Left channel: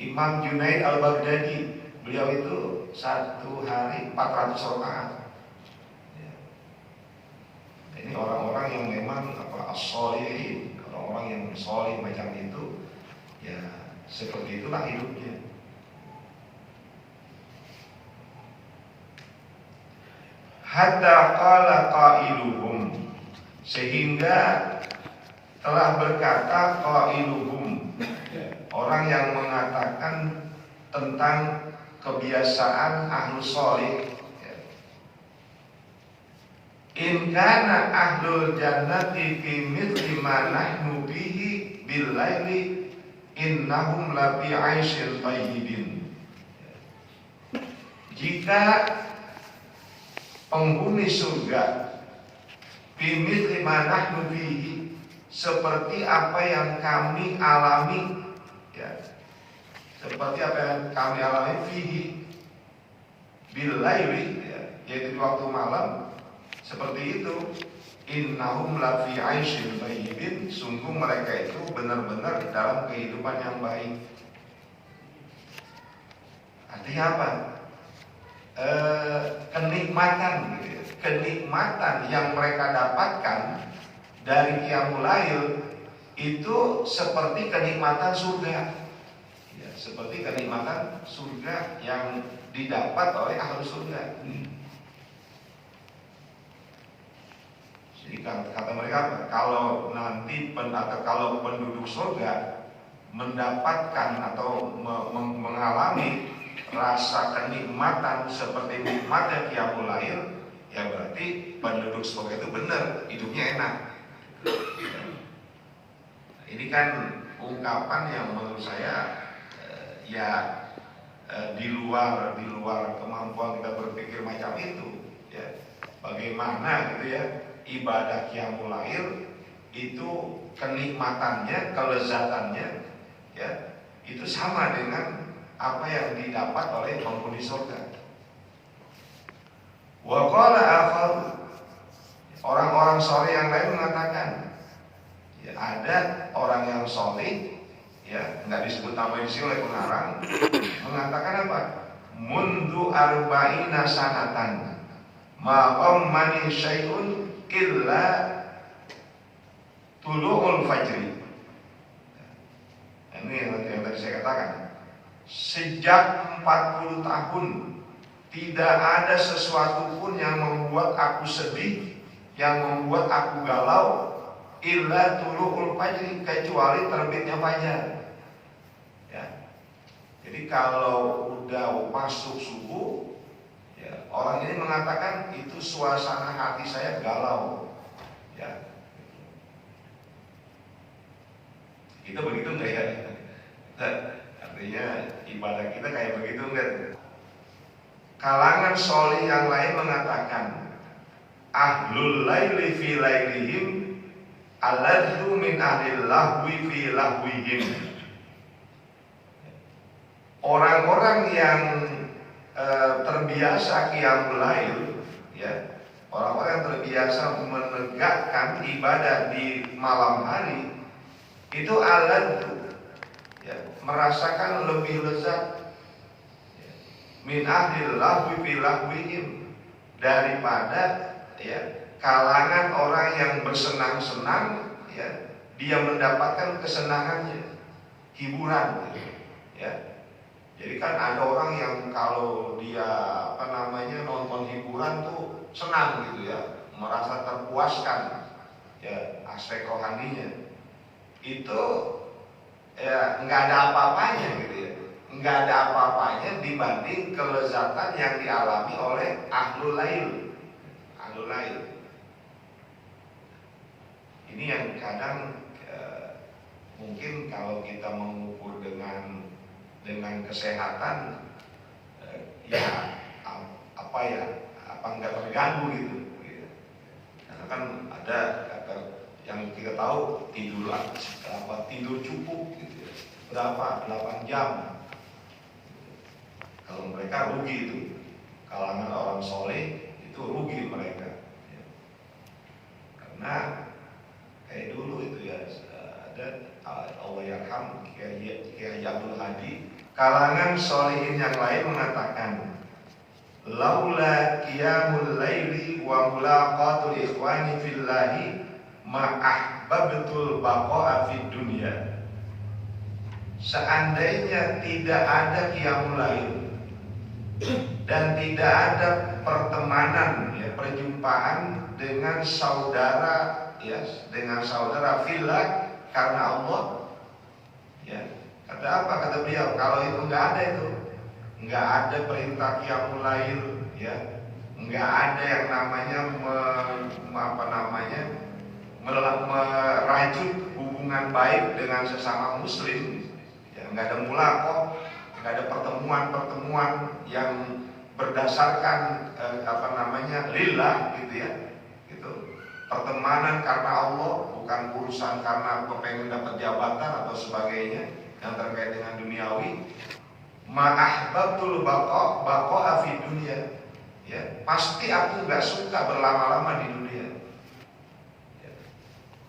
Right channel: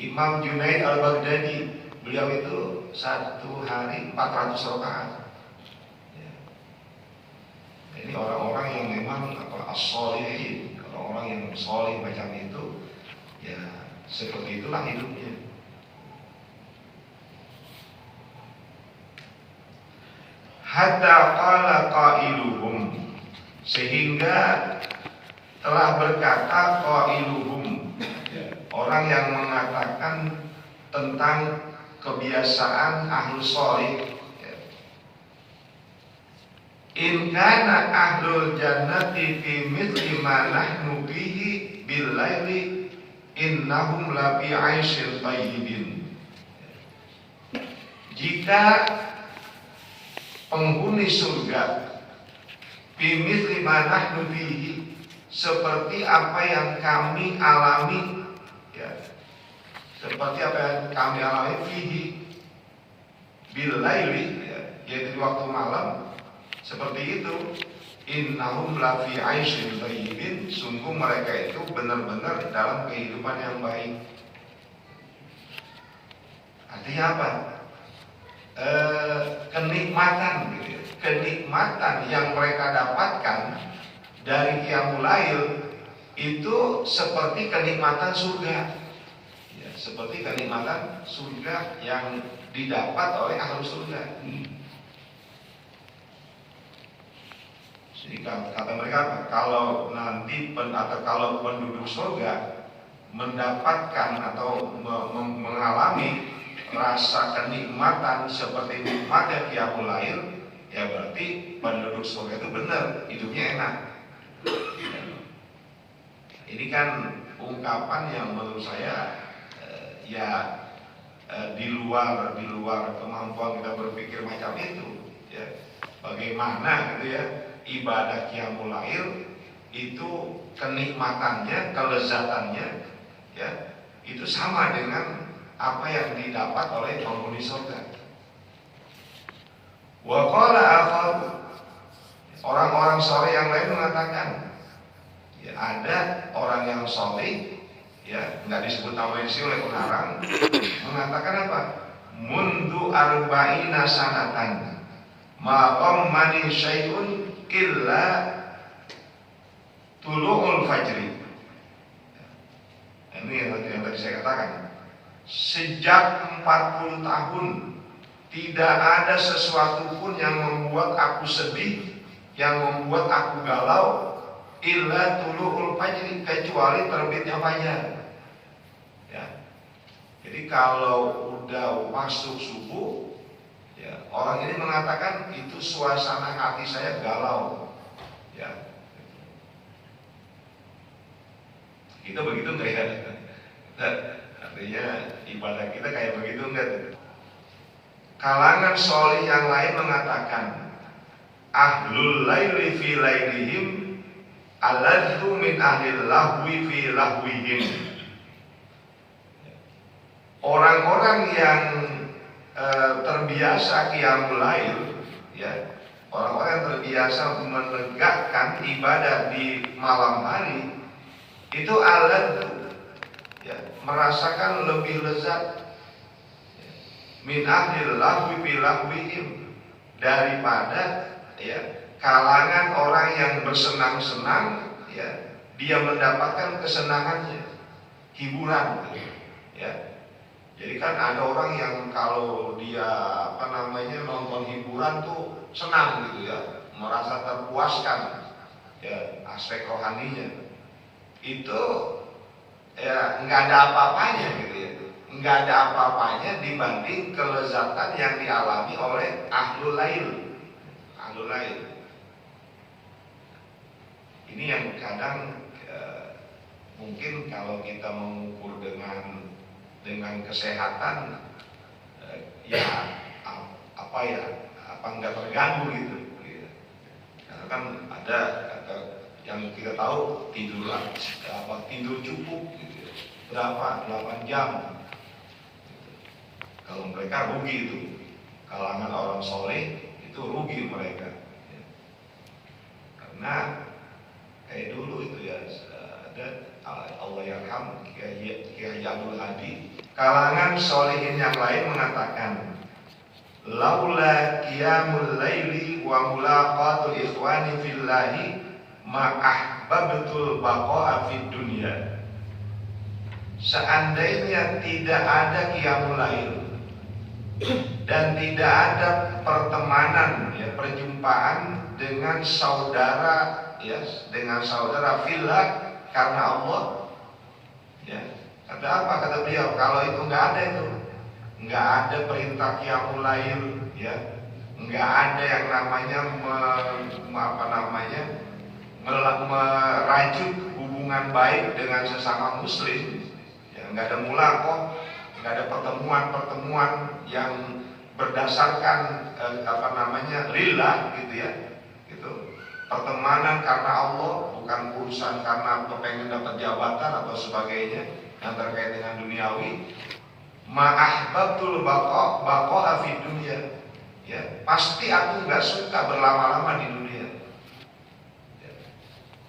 Imam Junaid al-Baghdadi, beliau itu satu hari 400 rakaat. Ya. Ini orang-orang yang memang as-sholihin, orang-orang yang sholih macam itu, ya seperti itulah hidupnya. Hatta qala qailuhum, sehingga telah berkata qailuhum, orang yang mengatakan tentang kebiasaan ahlus sholih, in kana ahlul jannati fi mithli ma nahnu bihi bil laili innahum la fi 'aisyin thayyibin. Jika penghuni surga bimit lima nahnu bihi, seperti apa yang kami alami, ya, seperti apa yang kami alami fihi bil laili, ya, yaitu di waktu malam, seperti itu. Innahum la fi 'aisyin thayyibin, sungguh mereka itu benar-benar dalam kehidupan yang baik. Artinya apa? Kenikmatan, gitu ya. Kenikmatan yang mereka dapatkan dari qiyamul lail itu seperti kenikmatan surga, ya, seperti kenikmatan surga yang didapat oleh ahli surga. Jadi kata mereka, kalau nanti atau kalau penduduk surga mendapatkan atau mengalami rasa kenikmatan seperti nikmatnya qiyamul lail, ya berarti penduduk surga itu benar hidupnya enak. Ini kan ungkapan yang menurut saya di luar kemampuan kita berpikir macam itu, ya. Bagaimana gitu ya, ibadah qiyamul lail itu kenikmatannya, kelezatannya, ya, itu sama dengan apa yang didapat oleh penghuni surga. Wa qala akhar, orang-orang soleh yang lain mengatakan, ya, ada orang yang soleh, ya, nggak disebut nama isi oleh pengarang, mengatakan apa? Mundu arba'ina sanatan ma'am mani syai'un illa tulu'ul fajri. Ini yang tadi saya katakan. Sejak 40 tahun tidak ada sesuatu pun yang membuat aku sedih, yang membuat aku galau, illa tulu'ul fajri, kecuali terbitnya fajar. Ya. Jadi kalau udah masuk subuh, ya, orang ini mengatakan itu suasana hati saya galau. Ya. Kita begitu enggak ya? Artinya ibadah kita kayak begitu enggak? Kalangan sholih yang lain mengatakan, ahlul laili fi lailihim aladzu min ahlil lahwi fi lahwihim. Orang-orang yang terbiasa qiyamul lail, ya, orang-orang yang terbiasa menegakkan ibadah di malam hari, itu aladzu, ya, merasakan lebih lezat min ahlil lahwi fi lahwihim, daripada, ya, kalangan orang yang bersenang-senang, ya, dia mendapatkan kesenangannya, hiburan, ya. Jadi kan ada orang yang kalau dia nonton hiburan tuh senang gitu ya, merasa terpuaskan, ya, aspek rohaninya. Itu ya nggak ada apa-apanya gitu ya, nggak ada apa-apanya dibanding kelezatan yang dialami oleh ahlul lail. Ahlul lail ini yang kadang mungkin kalau kita mengukur dengan kesehatan, ya apa nggak terganggu gitu. Karena kan ada yang kita tahu tidur cukup gitu, berapa 8 jam. Kalau mereka rugi itu, kalangan orang soleh itu rugi mereka, ya. Karena kayak dulu itu ya, ada Allah yarham Kiai Abdul Hadi, kalangan solihin yang lain mengatakan, laula qiyamul laili wa mulaqatul ikhwani fillahi ma ahbabtul baqa'a fid dunya. Seandainya tidak ada qiyamul lail dan tidak ada pertemanan, ya, perjumpaan dengan saudara, ya, dengan saudara fillah karena Allah, ya. Kata apa? Kata beliau, kalau itu nggak ada, itu nggak ada perintah qiyamul lail, ya, nggak ada yang namanya merajut hubungan baik dengan sesama muslim, ya, nggak ada mulaqah, nggak ada pertemuan yang berdasarkan lillah, gitu ya, gitu. Pertemanan karena Allah, bukan urusan karena pengen dapat jabatan atau sebagainya yang terkait dengan duniawi. Ma'ahbabtul baqa'a fid dunya, ya, pasti aku nggak suka berlama-lama di dunia, ya.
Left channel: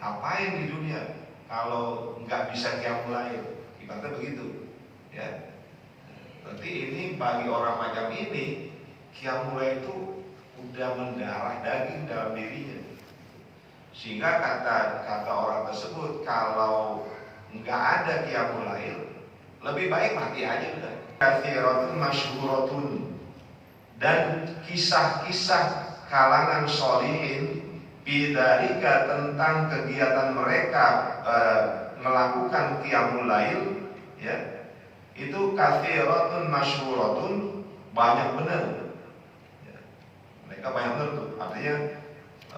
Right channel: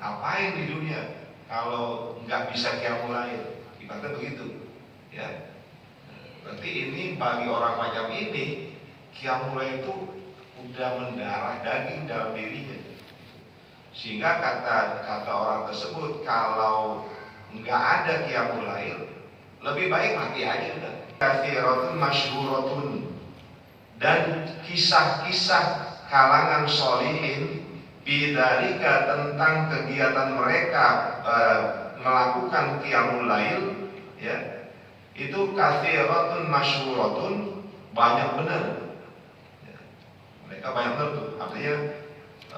Ngapain di dunia kalau nggak bisa qiyamul lail, ibaratnya begitu, ya. Berarti ini bagi orang macam ini, qiyamul lail itu udah mendarah daging dalam dirinya, sehingga kata orang tersebut, kalau nggak ada qiyamul lail, lebih baik mati aja udah. Kathiratun masyhuratun, dan kisah-kisah kalangan solihin bidzalika, tentang kegiatan mereka melakukan qiyamul lail, ya, itu kathiratun masyhuratun, banyak benar, ya. Mereka banyak benar tuh, artinya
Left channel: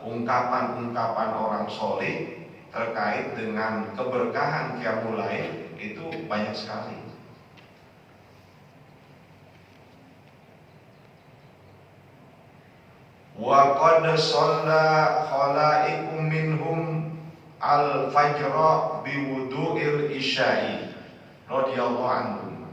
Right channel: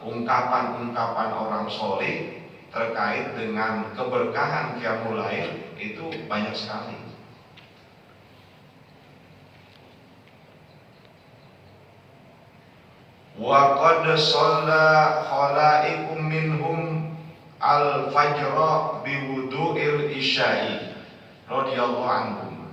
ungkapan-ungkapan orang solih terkait dengan keberkahan qiyamul lail itu banyak sekali. Wa qad shalla khalaiqum minhum al-fajra bi wudu'il isya'i radhiyallahu anhum.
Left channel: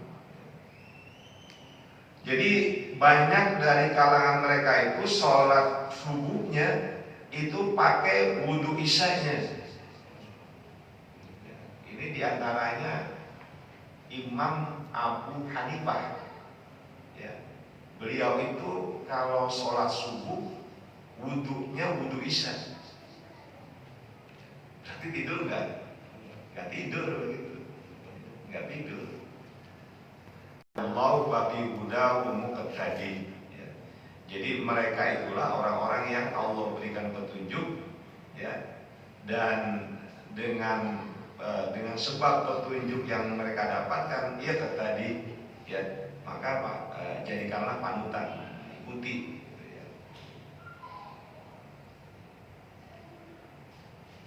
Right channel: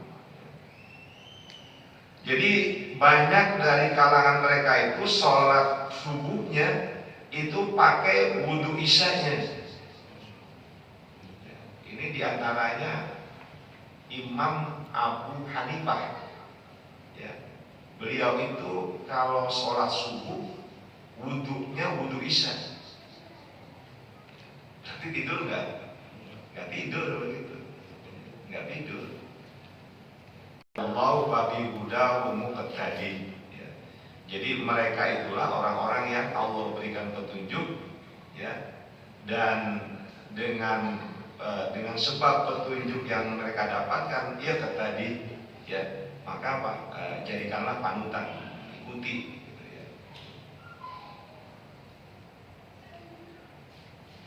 Jadi banyak dari kalangan mereka itu sholat subuhnya itu pakai wudu isya'nya. Ini diantaranya Imam Abu Hanifah, ya. Beliau itu kalau sholat subuh wudunya wudu isya. Tapi tidur nggak? Nggak tidur begitu, nggak tidur. Allahu babi huda muqtadi, ya. Jadi mereka itulah orang-orang yang Allah berikan petunjuk, ya, dan dengan sebab petunjuk yang mereka dapatkan, ia tadi, ya, maka apa? Jadikanlah panutan, ikuti.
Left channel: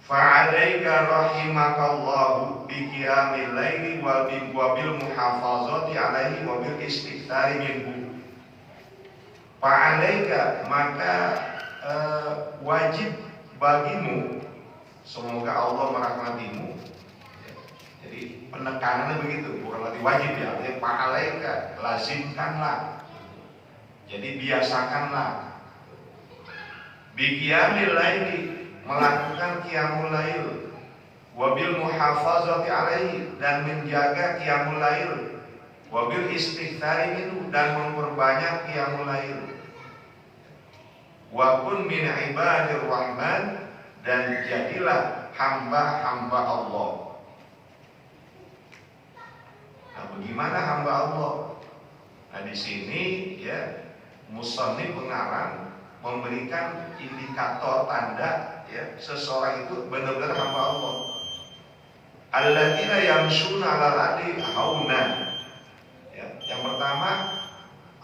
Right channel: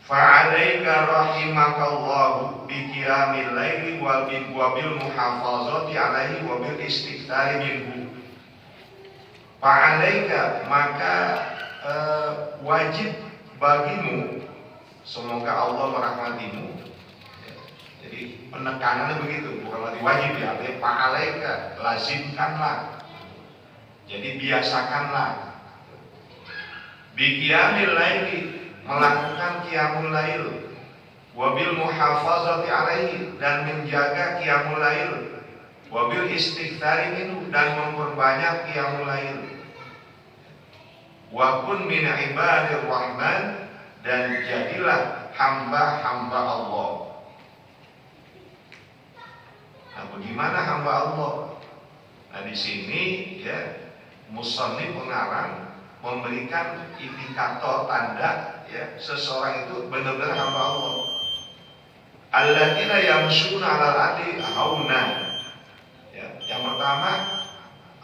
Fa'alaika rahimakallahu biqiyamil laili wa bil muhafazati alaihi wa bil istighfari minhu. Fa'alaika, maka wajib bagimu, semoga Allah merahmatimu. Jadi penekanannya begitu, bukan lagi wajib, ya, artinya fa'alaika, lazimkanlah. Jadi biasakanlah biqiyamil laili, melakukan qiyamul lail, wabil muhafazati alaihi, dan menjaga qiyamul lail, wabil istighfari minhu, dan memperbanyak qiyamul lail, wa kun min ibadir rahman, dan jadilah hamba-hamba Allah. Nah, bagaimana hamba Allah? Nah, di sini, ya, musannif pengarang memberikan indikator tanda, ya, seseorang itu benar-benar hamba Allah. Alladzina yamshuna 'alal ardi hauna. Ya, yang pertama,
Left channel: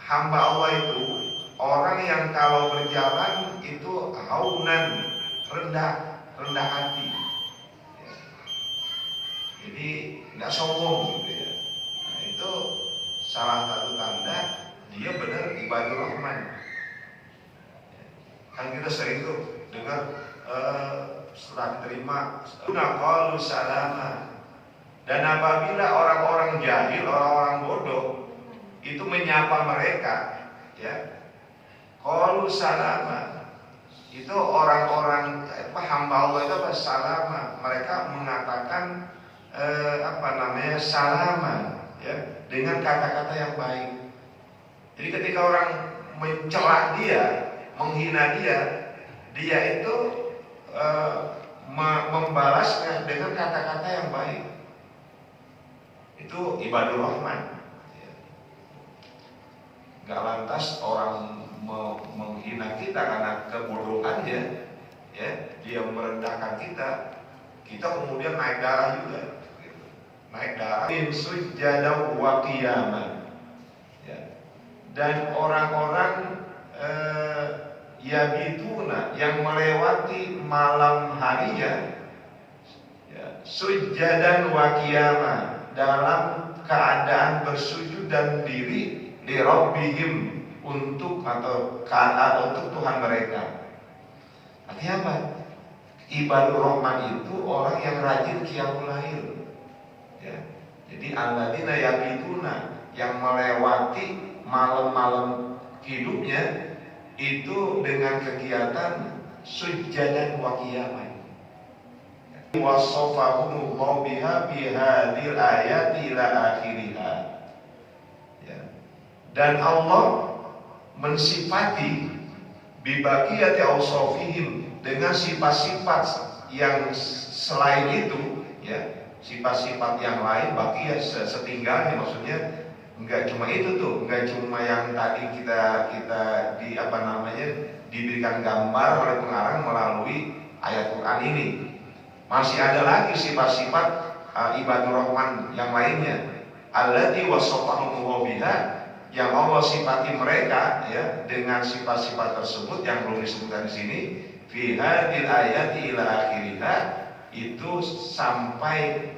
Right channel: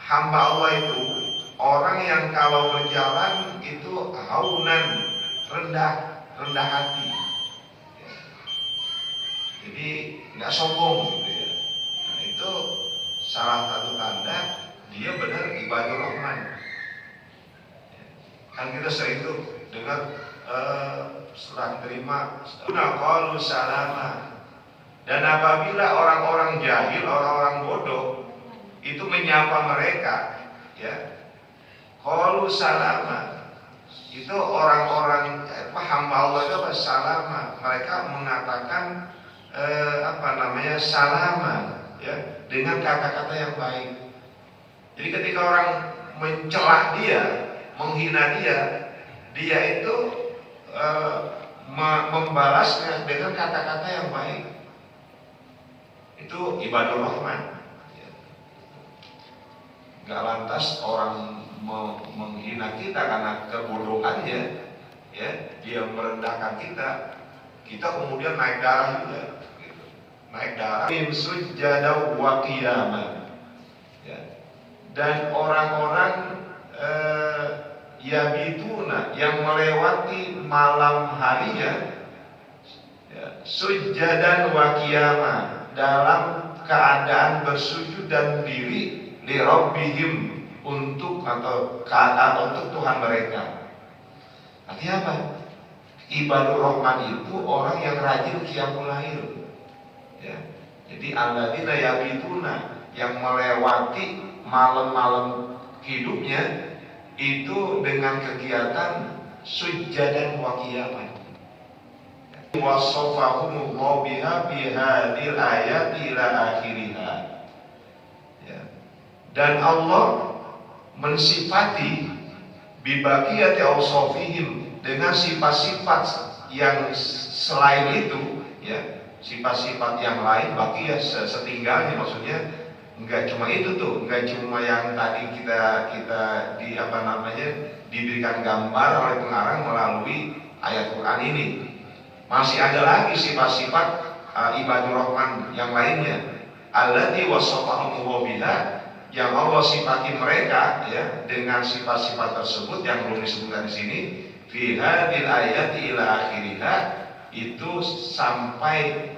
hamba Allah itu orang yang kalau berjalan itu haunan, rendah hati. Ya. Jadi nggak sombong, gitu ya. Nah, itu salah satu tanda dia benar ibadur rahman. Kan kita sering tuh dengar setelah terima qalu salama. Dan apabila orang-orang jahil, orang-orang bodoh itu menyapa mereka, ya, qalu salama, itu orang-orang hamba Allah itu apa? Salama. Mereka mengatakan salama, ya, dengan kata-kata yang baik. Jadi ketika orang mencela dia, menghina dia, dia itu membalasnya dengan kata-kata yang baik. Itu ibadur rahman. Gak lantas orang menghina kita karena kebodohannya, ya, dia merendahkan kita, kita kemudian naik darah juga, gitu. Naik darah. Sujada wa qiyamah, ya. Dan orang-orang yabituna yang melewati malam harinya, ya, sujadan wa qiyamah, dalam keadaan bersujud dan diri li rabbihim, untuk Tuhan mereka. Artinya apa? Ibadur rahman itu orang yang rajin qiyamul lail, ya. Jadi alladzina yabituna, yang melewati malam-malam hidupnya itu dengan kegiatan sujadan wa qiyamah. Wasofahumullahu biha bihadil ayati ila akhiriha. Dan Allah mensifati bibaqiyati awsafihim, dengan sifat-sifat yang selain itu, ya, sifat-sifat yang lain, baqiyah setinggalnya, maksudnya enggak cuma itu tuh, enggak cuma yang tadi kita diberikan gambar oleh pengarang melalui ayat Quran ini. Masih ada lagi sifat-sifat ibadur rahman yang lainnya, allati wasafahumullahu biha, yang Allah sifati mereka, ya, dengan sifat-sifat tersebut yang belum disebutkan di sini. Fi hadil ayati ila akhiriha, itu sampai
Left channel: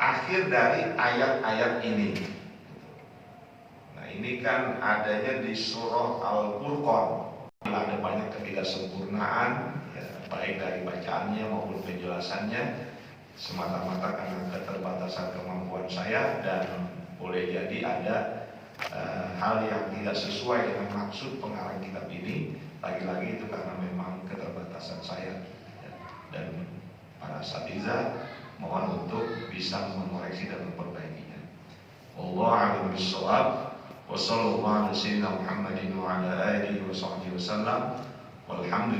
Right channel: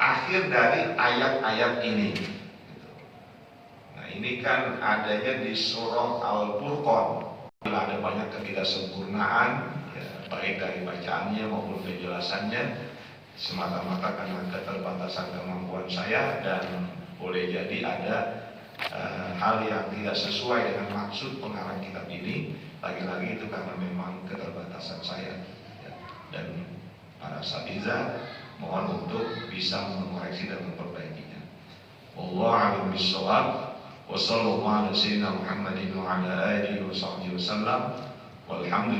akhir dari ayat-ayat ini. Nah, ini kan adanya di surah Al-Furqan. Ada banyak ketidaksempurnaan, ya, baik dari bacaannya maupun penjelasannya, semata-mata karena keterbatasan kemampuan saya, dan boleh jadi ada hal yang tidak sesuai dengan maksud pengarang kitab ini. Lagi-lagi itu karena memang keterbatasan saya, ya. Dan para asatidzah mohon untuk bisa mengoreksi dan memperbaikinya. Wallahu a'lam bishawab. Wassallallahu ala sayyidina Muhammadin wa ala alihi wa sahbihi wasallam. Walhamdulillah.